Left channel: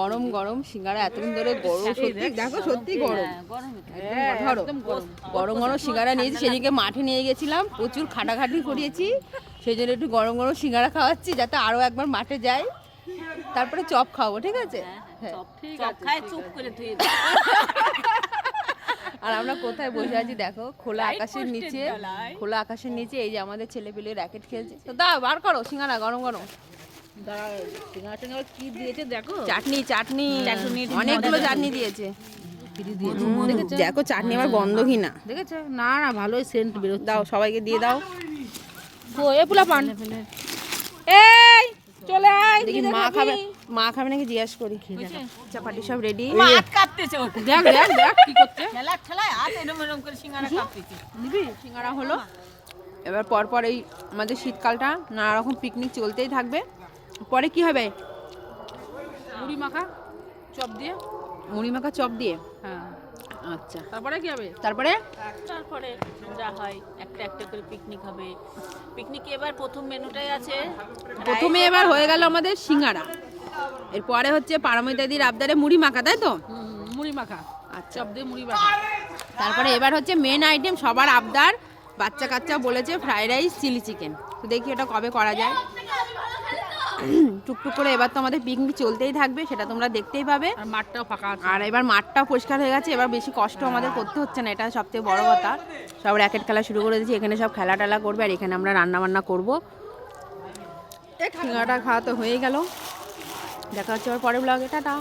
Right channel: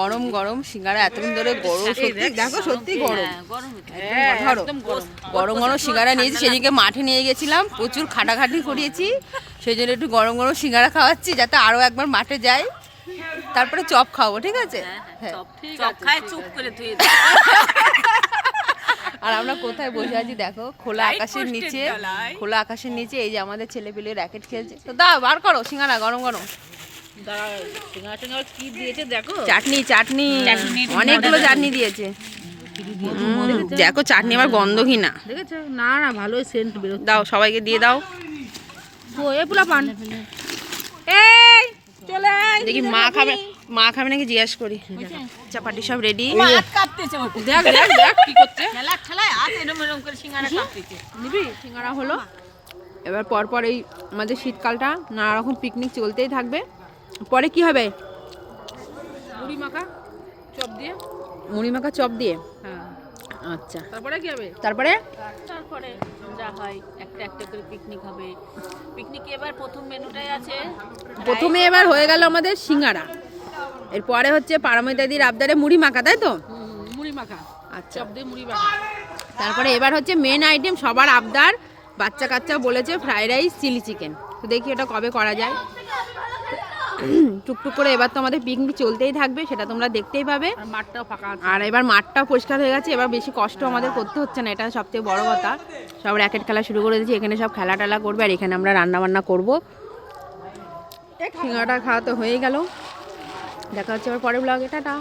গরম গরম সিঙ্গারা এতদিন ধরে গরম, সত্যি দেখো সত্যি গরম, গরম গরম সিঙ্গারা নিয়েছি। সেদিকে মাঠে নিয়ে গেছিলাম, প্রচুর খাটাখাটি করিয়েছি, সেই জন্য একটু গরম গরম সিঙ্গারা খাওয়াচ্ছি যাতে আরো একবার মাঠে যাই, তারপরে চপ খাবো। ঠিক আছে, আর আমরা কোথায় বসে আছি দেখো, খোলা আকাশের নিচে, খোলা আকাশের নিচে। এই যে আমাদের ছেলে পেলে র্যাকেট খেলছে। তো দাও বার করো সিঙ্গারা গরম গরম। কি দিয়েছে দেখো, চাটনি চাটনি অনেকগুলো চাটনি দিয়েছে। দেখো চাটনি আবার গন্ধহীন না, দেখেছো? না না ভালোই সেন্ট বেরোচ্ছে। দাও সবাইকে দিয়ে দাও। এ পোলা পান, এই চলে আয়। দেখি মা খাবে, মা খাবে নাকি জিজ্ঞাসা করি। চাপাটি সব রেডি। দেখ দেখ দেখ কি করছে, খেলা খেলায় হাত এরকম এরকম করে সিঙ্গারা কাটতেছে। নিবি সিঙ্গারা হলো। এবার পরপর এই আমাদের শীতকালটা নানা রকম পিকনিক চলতেই থাকবে। পরে কি হবে? মুড়ি মাখা চপ দিয়ে, মুড়ি মাখা চপ দিয়ে। হ্যাঁ আচ্ছা, তারপরে কি হবে? তারপরে তারপরে যা হয় একটা একটা করে পিকনিক হবে। পিকনিকে এবার প্রথম মেনুটাই আছে, প্রথমে এবার হয়ে গেল আমাদের সিঙ্গারা, এরপরে হচ্ছে পারমিতাদির আবদারে মুড়ি মাখা, তাই তো? মুড়ি মাখা, আচ্ছা, চপ দিয়ে মুড়ি মাখা। তারপরে এবার হচ্ছে মেন আইটেম, সবার আবদার, বাচ্চা কাচ্চা বলেছে ফ্রাইড রাইস চিলি চিকেন। তো দেখি এটা কবে করা যায়। টুকটুক করে এবার তো আমাদের পিকনিক চলতেই থাকবে, সেটা তোমরা দেখতেই পাবে। আর মাঠটাও ফাঁকা আছে। আর এবার মাঠটাও পরিষ্কার হয়ে গেছে, এবার বেশি কষ্ট আমাদের করতে হচ্ছে না, এটা সবথেকে বড় কথা। সব র্যাকেট খেলা শুরু করে দিয়েছি, এখানে সব খেলা টেলা করবে, আর এখানে আমরা রান্না বান্না করবো। সিঙ্গাড়া খাওয়া তো হয়েই গেল, দেখা হচ্ছে আবার পরের ব্লগে, টাটা।